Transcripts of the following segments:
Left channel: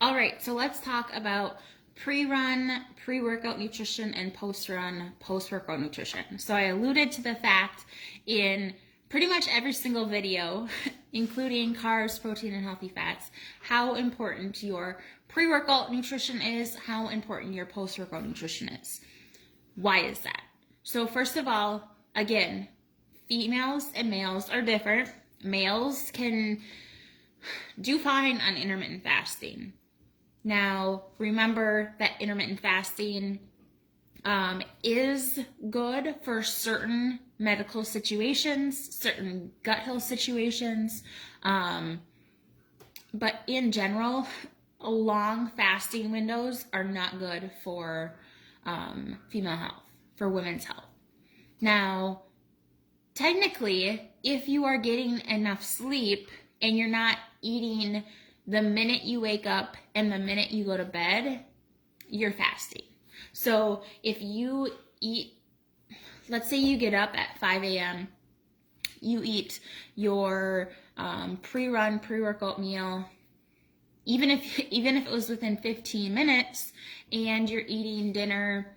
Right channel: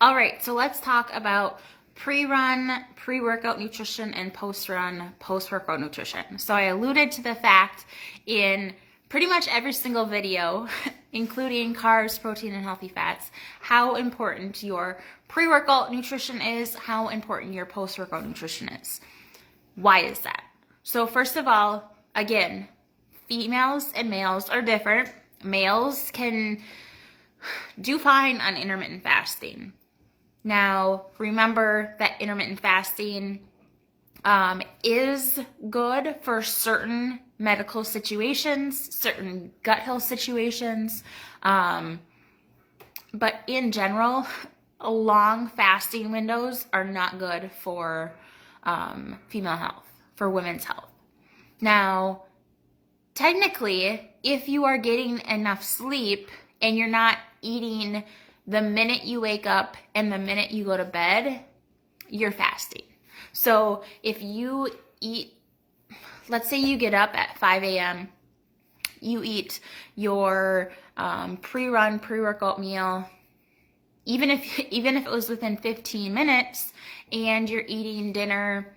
All right, so let's talk about pre-run, pre-workout nutrition, and post-run, post-workout nutrition. So I alluded to the fact in pretty much every single video, including carbs, protein, and healthy fats, how important your pre-workout nutrition is, how important your post-workout nutrition is. Why is that? So first of all, again, females and males are different. Males can do fine on intermittent fasting. Now, remember that intermittent fasting is good for certain medical situations, certain gut health situations, but in general, long fasting windows are not good for female health, for women's health. Now, technically, if you are getting enough sleep and you're not eating the minute you wake up and the minute you go to bed, you're fasting. So if you eat, let's say you get up at 5 a.m., you eat your pre-run, pre-workout meal, even if it was within 15 minutes, and you're eating dinner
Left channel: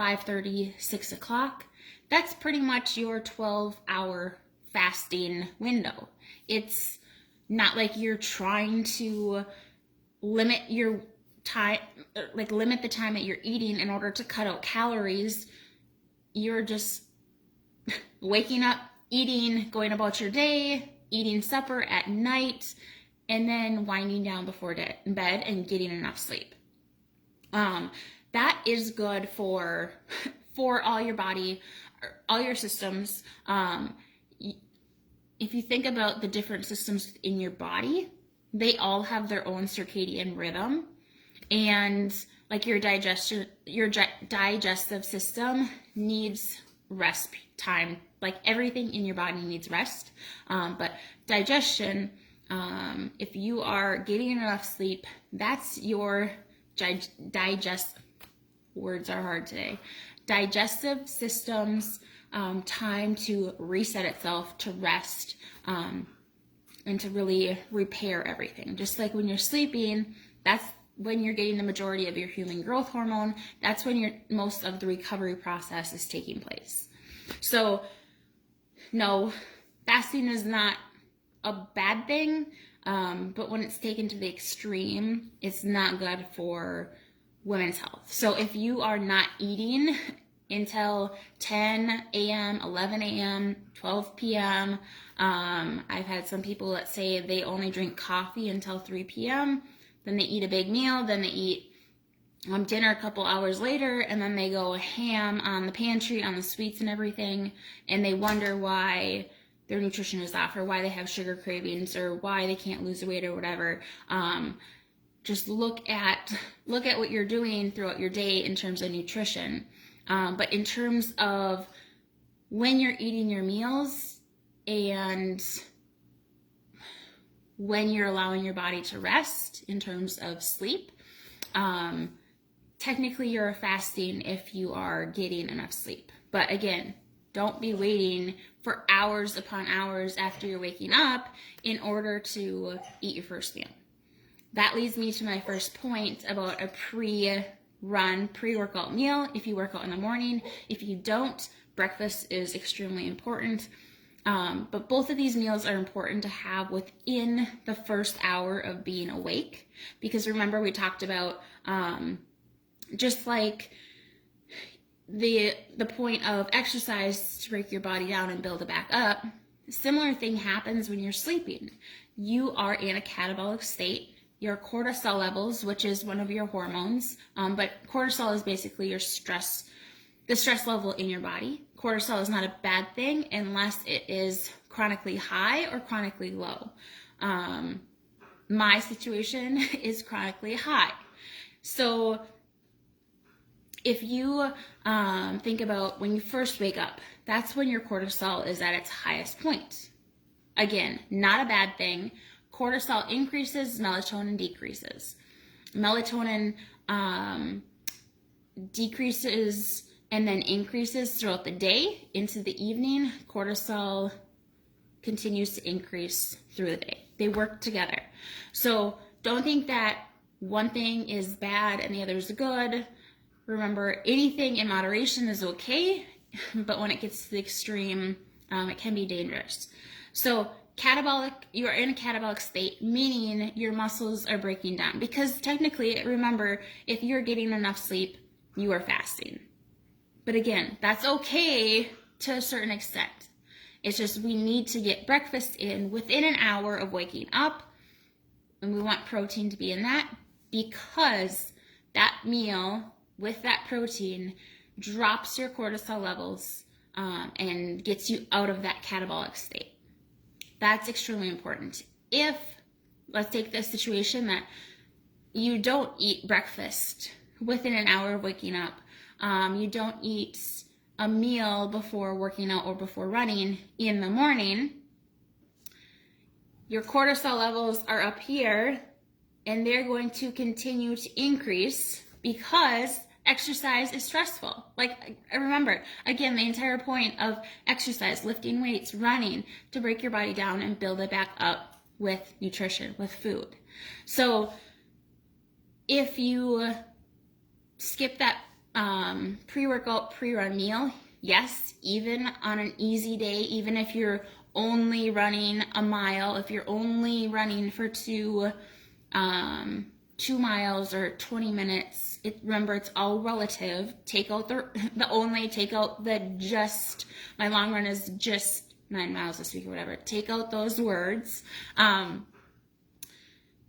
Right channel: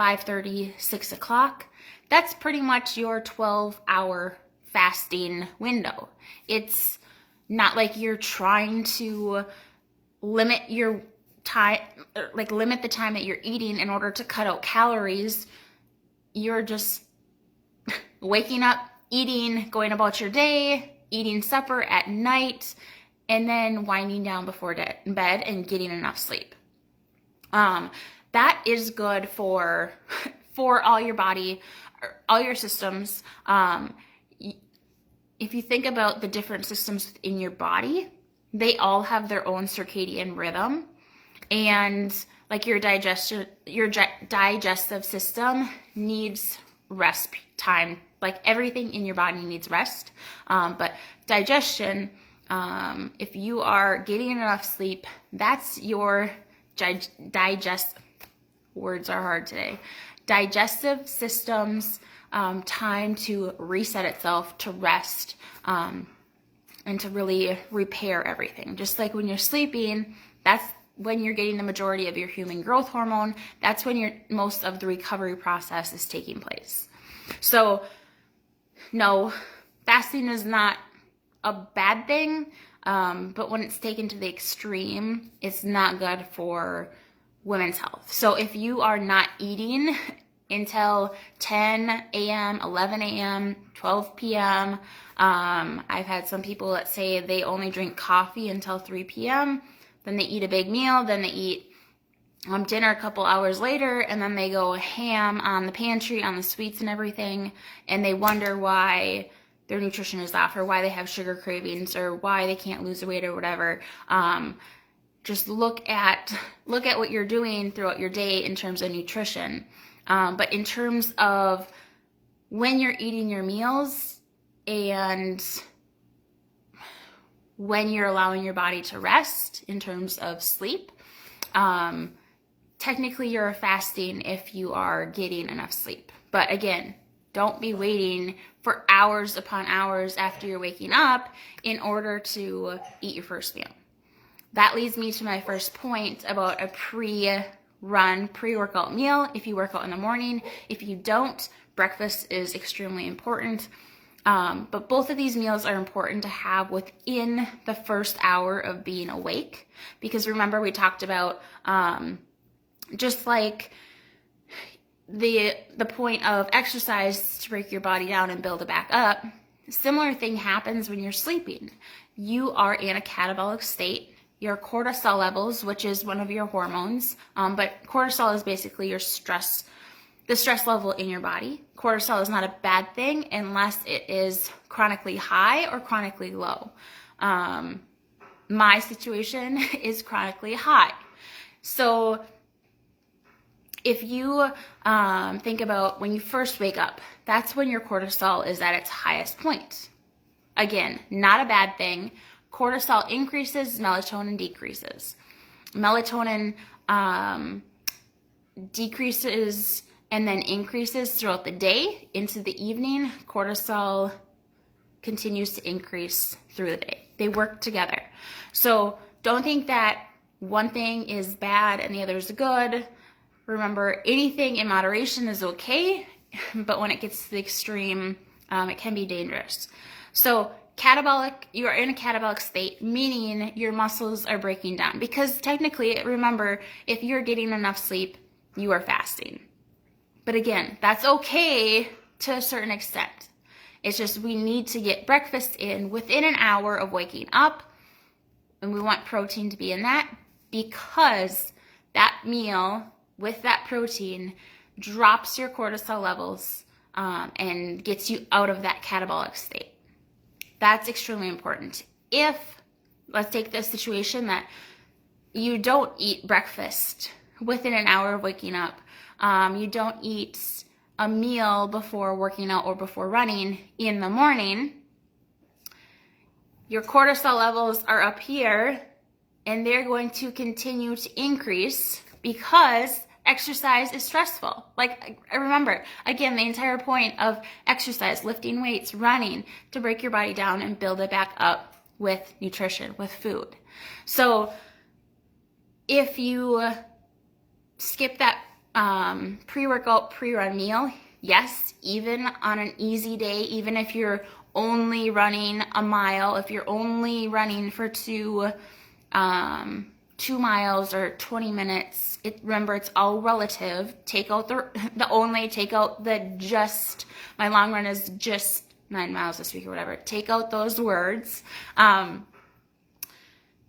5:30, 6 o'clock, that's pretty much your 12-hour fasting window. It's not like you're trying to limit your time, limit the time that you're eating in order to cut out calories. You're just waking up, eating, going about your day, eating supper at night, and then winding down before bed and getting enough sleep. That is good for all your body, all your systems. If you think about the different systems in your body, they all have their own circadian rhythm, and like your digestive system needs rest time. Like everything in your body needs rest, but digestion, if you are getting enough sleep, that's your words are hard today. Digestive systems time to reset itself, to rest, and to really repair everything. Just like when you're sleeping, that's when you're getting the majority of your human growth hormone. That's when most of the recovery process is taking place. So, no, fasting is not a bad thing, but when it's taken to the extreme, it's not good for women's health. So if you are not eating until 10 a.m., 11 a.m., 12 p.m. I've had some people that say they only drink coffee until 3 p.m., then they eat a big meal, then they eat dinner a couple hours later, and then they go ham on the pantry, on the sweets and everything, and they wonder why their nutrition is off, or why they have sugar cravings, or why they can't lose weight or whatever. Just look at what you're doing throughout your day in terms of nutrition. But in terms of when you're eating your meals and when you're allowing your body to rest in terms of sleep, technically you're fasting if you are getting enough sleep. But again, don't be waiting for hours upon hours after you're waking up in order to eat your first meal. That leads me to my first point about a pre-run, pre-workout meal. If you work out in the morning, if you don't, breakfast is extremely important. But both of these meals are important to have within the first hour of being awake. Because remember, we talked about just like the point of exercise to break your body down and build it back up, similar thing happens when you're sleeping. You are in a catabolic state. Your cortisol levels, which is one of your hormones, but cortisol is basically the stress level in your body. Cortisol is not a bad thing unless it is chronically high or chronically low. My situation is chronically high. So if you think about when you first wake up, that's when your cortisol is at its highest point. Again, not a bad thing. Cortisol increases, melatonin decreases. Melatonin decreases and then increases throughout the day. Into the evening, cortisol continues to increase through the day. They work together. So don't think that one thing is bad and the other is good. Remember, anything in moderation is okay, but when it gets to the extreme, it can be dangerous. So you are in a catabolic state, meaning your muscles are breaking down. Because technically, remember, if you're getting enough sleep, you are fasting. But again, that's okay to a certain extent. It's just we need to get breakfast in within an hour of waking up, and we want protein to be in that, because that meal with that protein drops your cortisol levels and gets you out of that catabolic state. That's extremely important. If, let's take the situation that you don't eat breakfast within an hour of waking up, you don't eat a meal before working out or before running in the morning, your cortisol levels are up here and they're going to continue to increase because exercise is stressful. Like, remember, again, the entire point of exercise, lifting weights, running, to break your body down and build it back up with nutrition, with food. So if you skip that pre-workout, pre-run meal, yes, even on an easy day, even if you're only running a mile, if you're only running for 2 miles or 20 minutes, remember, it's all relative. Take out my long run is just 9 miles this week or whatever. Take out those words.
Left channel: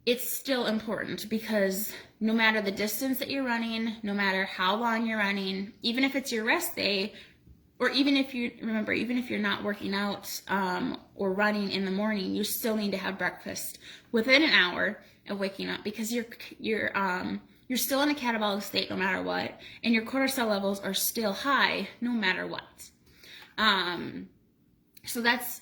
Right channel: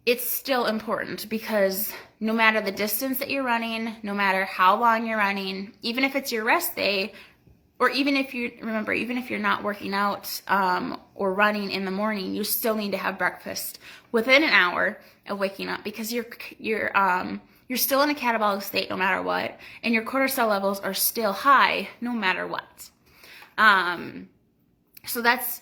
It's still important, because no matter the distance that you're running, no matter how long you're running, even if it's your rest day, or even if you're not working out or running in the morning, you still need to have breakfast within an hour of waking up, because you're still in a catabolic state no matter what, and your cortisol levels are still high no matter what. So that's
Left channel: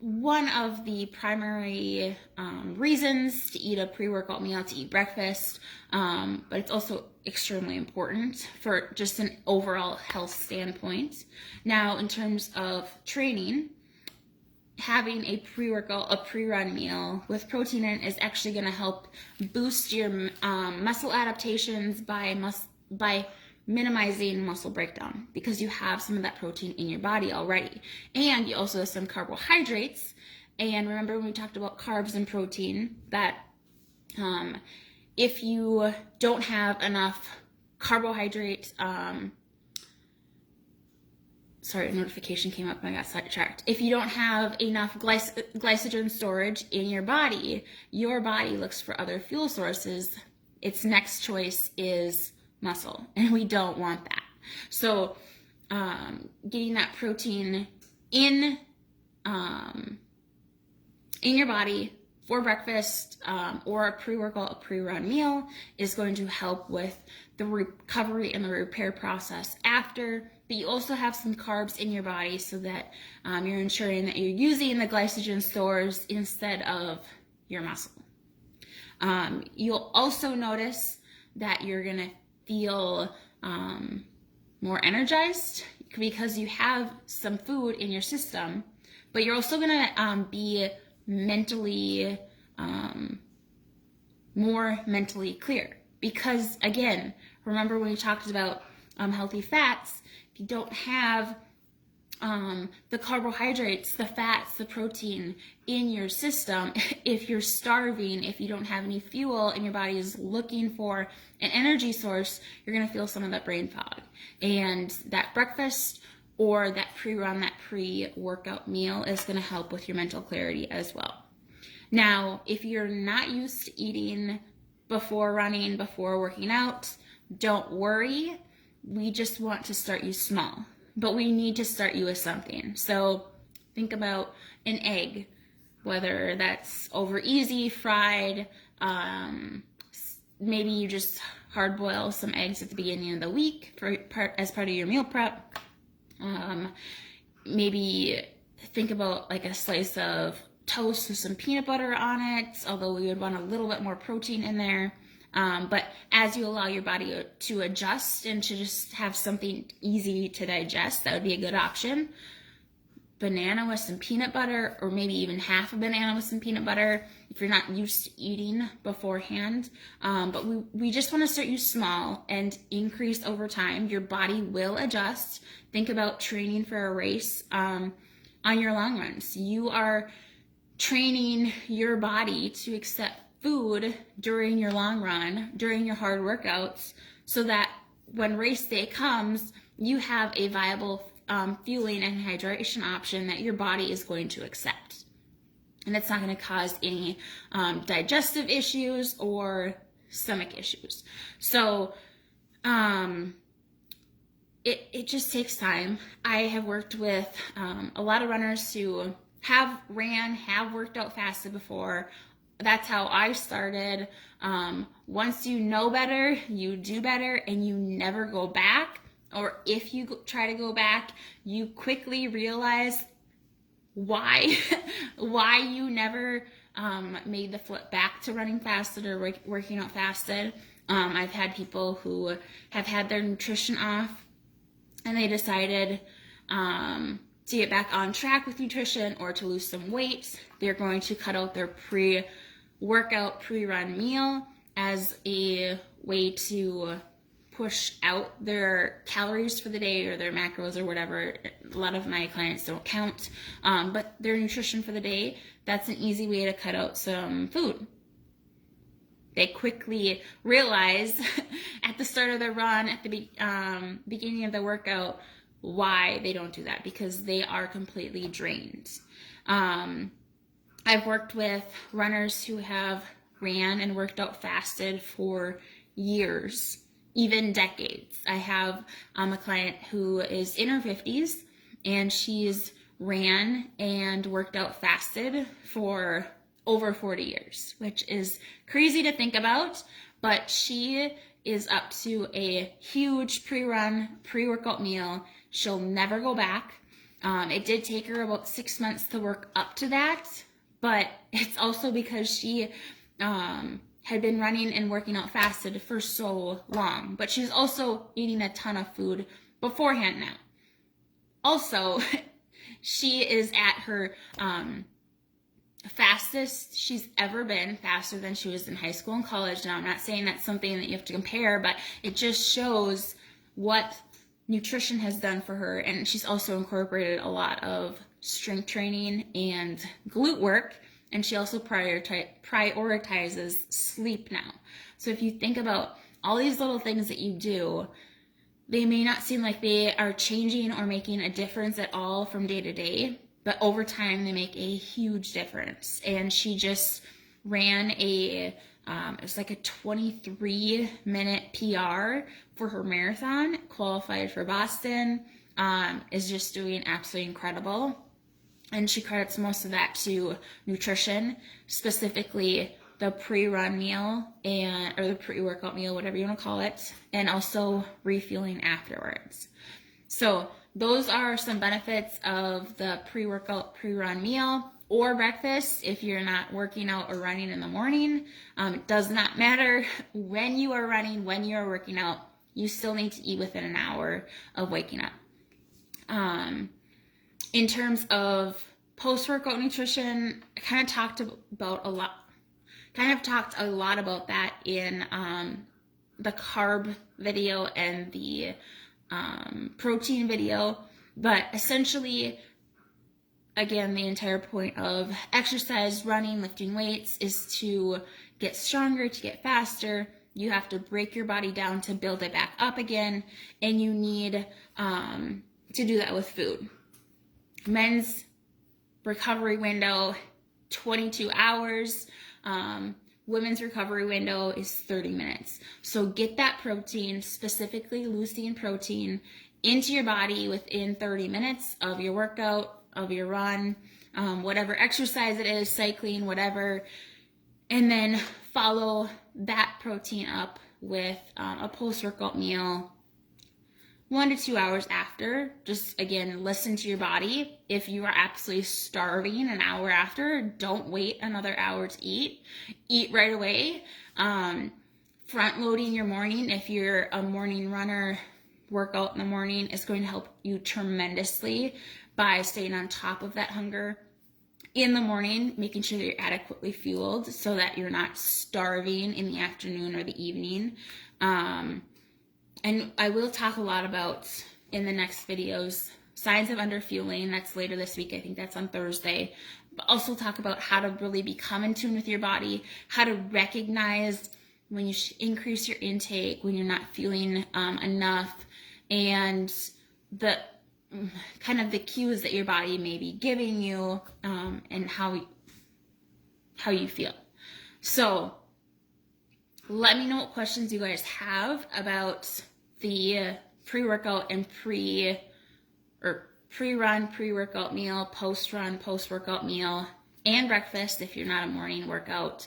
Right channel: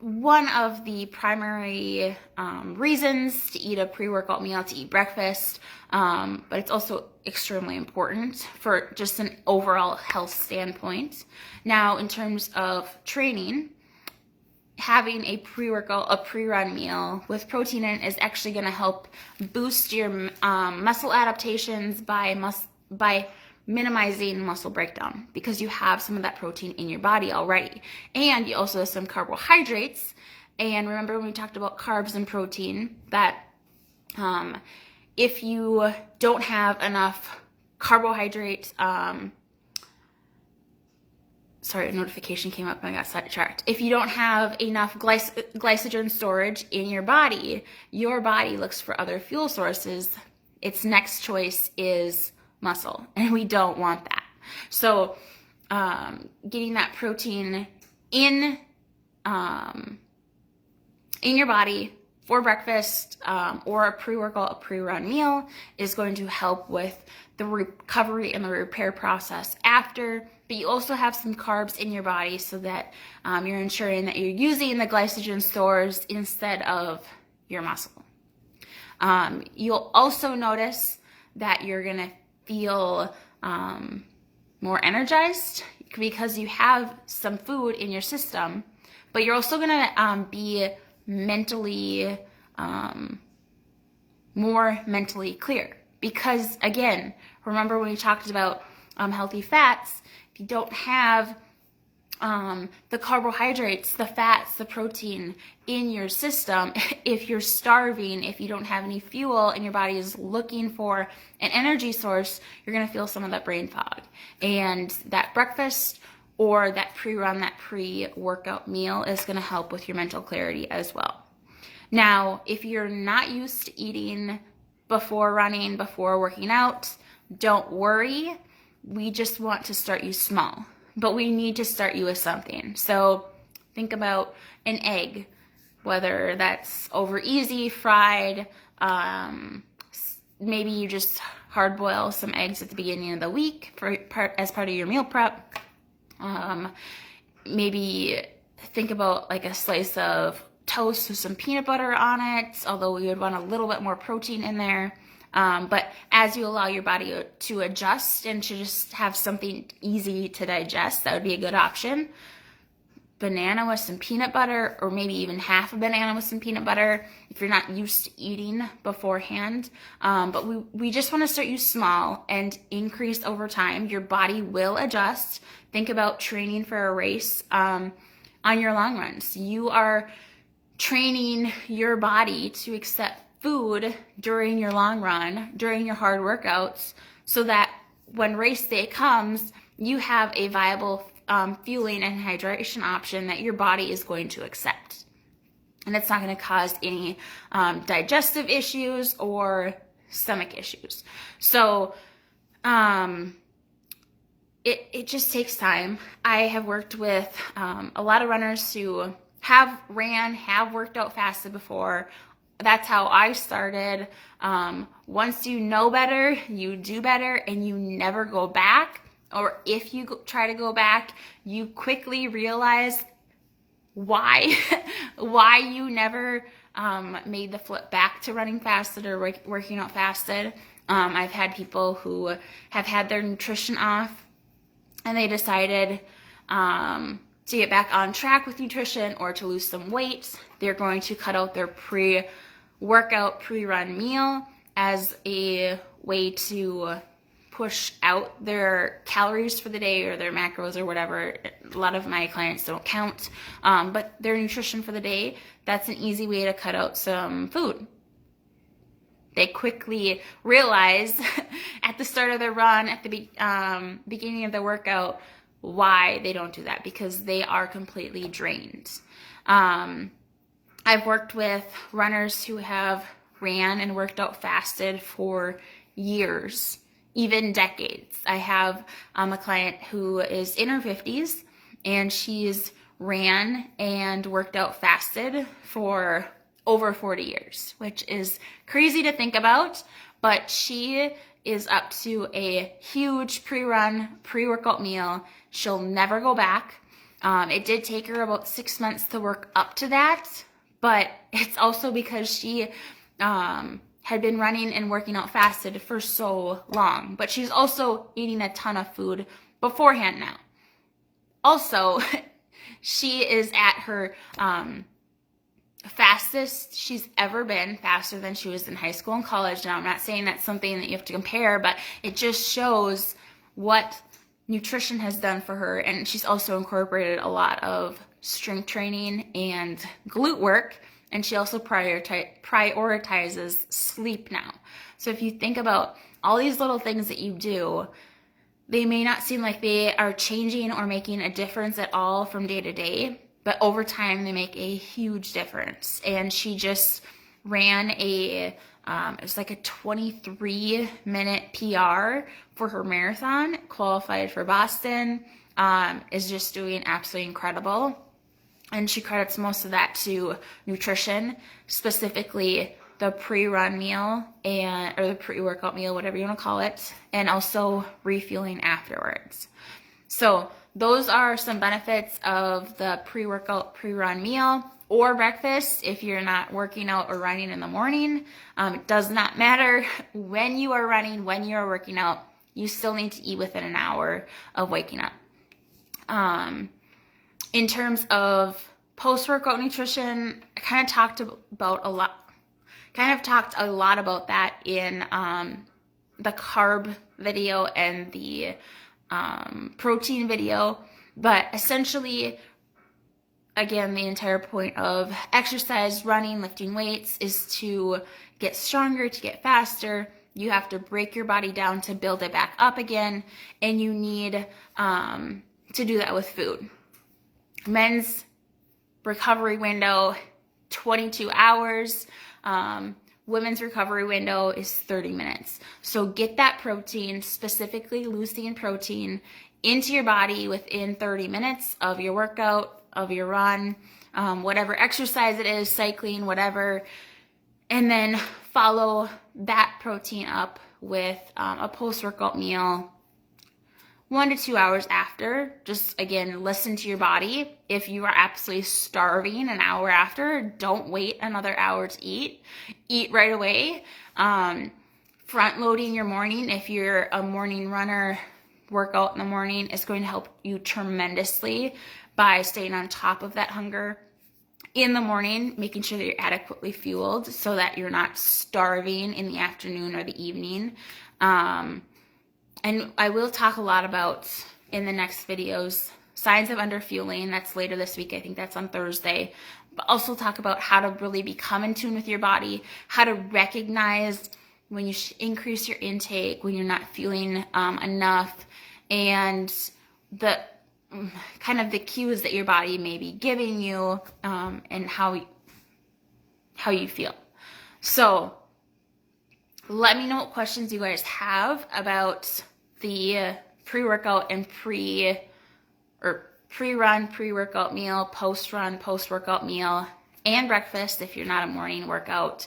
one of the primary reasons to eat a pre-workout meal, to eat breakfast, but it's also extremely important for just an overall health standpoint. Now, in terms of training, having a pre-workout, a pre-run meal with protein in it is actually going to help boost your muscle adaptations by minimizing muscle breakdown, because you have some of that protein in your body already. And you also have some carbohydrates. And remember when we talked about carbs and protein, that if you don't have enough carbohydrates, sorry, a notification came up and I got sidetracked. If you don't have enough glycogen storage in your body looks for other fuel sources. Its next choice is muscle, and we don't want that. So getting that protein in your body for breakfast or a pre-workout, a pre-run meal is going to help with the recovery and the repair process after. But you also have some carbs in your body, so that you're ensuring that you're using the glycogen stores instead of your muscle. You'll also notice that you're going to feel more energized because you have some food in your system, but you're also going to be mentally more mentally clear, because again, remember when we talked about healthy fats, if you don't have the carbohydrates, the fats, the protein in your system, if you're starving, if you don't have any fuel and your body is looking for an energy source, you're going to feel some of that brain fog. And that breakfast or that pre-run, that pre-workout meal is going to help with your mental clarity as well. Now, if you're not used to eating before running, before working out, don't worry. We just want to start you small, but we need to start you with something. So think about an egg, whether that's over easy, fried, maybe you just hard boil some eggs at the beginning of the week as part of your meal prep. Maybe think about like a slice of toast with some peanut butter on it, although we would want a little bit more protein in there. But as you allow your body to adjust and to just have something easy to digest, that would be a good option. banana with some peanut butter, or maybe even half a banana with some peanut butter if you're not used to eating beforehand. But we just want to start you small and increase over time. Your body will adjust. Think about training for a race on your long runs. You are training your body to accept food during your long run, during your hard workouts, so that when race day comes, you have a viable fueling and hydration option that your body is going to accept. And it's not going to cause any digestive issues or stomach issues. So it just takes time. I have worked with a lot of runners who have worked out fasted before. That's how I started. Once you know better, you do better, and you never go back. Or if you try to go back, you quickly realize why you never made the flip back to running fasted or working out fasted. I've had people who have had their nutrition off, and they decided to get back on track with nutrition or to lose some weight. They're going to cut out their pre-workout, pre-run meal as a way to push out their calories for the day or their macros or whatever. A lot of my clients don't count, but their nutrition for the day, that's an easy way to cut out some food. They quickly realize at the start of their run, at the beginning of their workout, why they don't do that, because they are completely drained. I've worked with runners who have ran and worked out fasted for years, even decades. I have a client who is in her 50s, and she's ran and worked out fasted for over 40 years, which is crazy to think about, but she is up to a huge pre-run, pre-workout meal. She'll never go back. It did take her about 6 months to work up to that, but it's also because she had been running and working out fasted for so long. But she's also eating a ton of food beforehand now. Also, she is at her fastest she's ever been, faster than she was in high school and college. Now, I'm not saying that's something that you have to compare, but it just shows what nutrition has done for her. And she's also incorporated a lot of strength training and glute work. And she also prioritizes sleep now. So if you think about all these little things that you do, they may not seem like they are changing or making a difference at all from day to day, but over time they make a huge difference. And she just ran it was like a 23-minute PR for her marathon, qualified for Boston, is just doing absolutely incredible. And she credits most of that to nutrition, specifically the pre-run meal or the pre-workout meal, whatever you want to call it, and also refueling afterwards. So those are some benefits of the pre-workout, pre-run meal or breakfast if you're not working out or running in the morning. It does not matter when you are running, when you are working out, you still need to eat within an hour of waking up. In terms of post-workout nutrition, I kind of talked a lot about that in the carb video and the protein video. But essentially, again, the entire point of exercise, running, lifting weights is to get stronger, to get faster. You have to break your body down to build it back up again, and you need to do that with food. Men's recovery window, 22 hours. Women's recovery window is 30 minutes. So get that protein, specifically leucine protein, into your body within 30 minutes of your workout, of your run, whatever exercise it is, cycling, whatever. And then follow that protein up with a post-workout meal 1 to 2 hours after. Just, again, listen to your body. If you are absolutely starving an hour after, don't wait another hour to eat. Eat right away. Front loading your morning, if you're a morning runner, workout in the morning is going to help you tremendously. by staying on top of that hunger in the morning, making sure that you're adequately fueled so that you're not starving in the afternoon or the evening. And I will talk a lot about, in the next videos, signs of underfueling. That's later this week. I think that's on Thursday. But also talk about how to really become in tune with your body, how to recognize when you should increase your intake, when you're not feeling enough, and the kind of the cues that your body may be giving you, and how you feel. So let me know what questions you guys have about the pre-workout and pre-run, pre-workout meal, post-run, post-workout meal, and breakfast if you're not a morning workout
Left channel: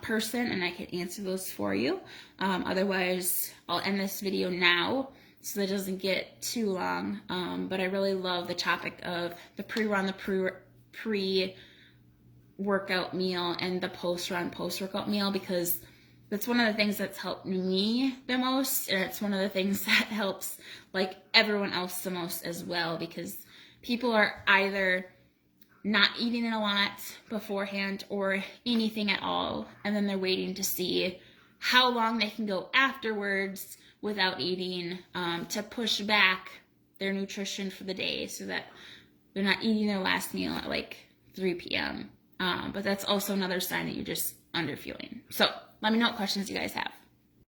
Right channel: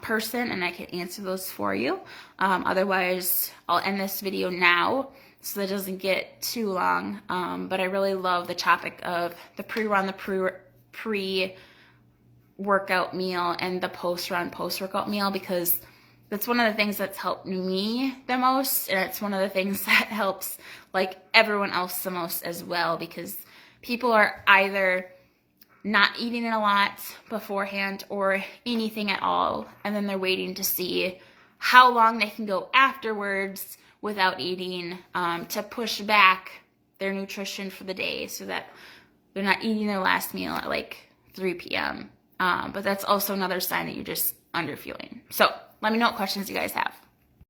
person, and I can answer those for you. Otherwise, I'll end this video now so that it doesn't get too long. But I really love the topic of the pre-run, the pre-workout meal, and the post-run, post-workout meal, because that's one of the things that's helped me the most, and it's one of the things that helps like everyone else the most as well, because people are either not eating a lot beforehand or anything at all, and then they're waiting to see how long they can go afterwards without eating, to push back their nutrition for the day so that they're not eating their last meal at like 3 p.m. But that's also another sign that you're just underfueling. So let me know what questions you guys have.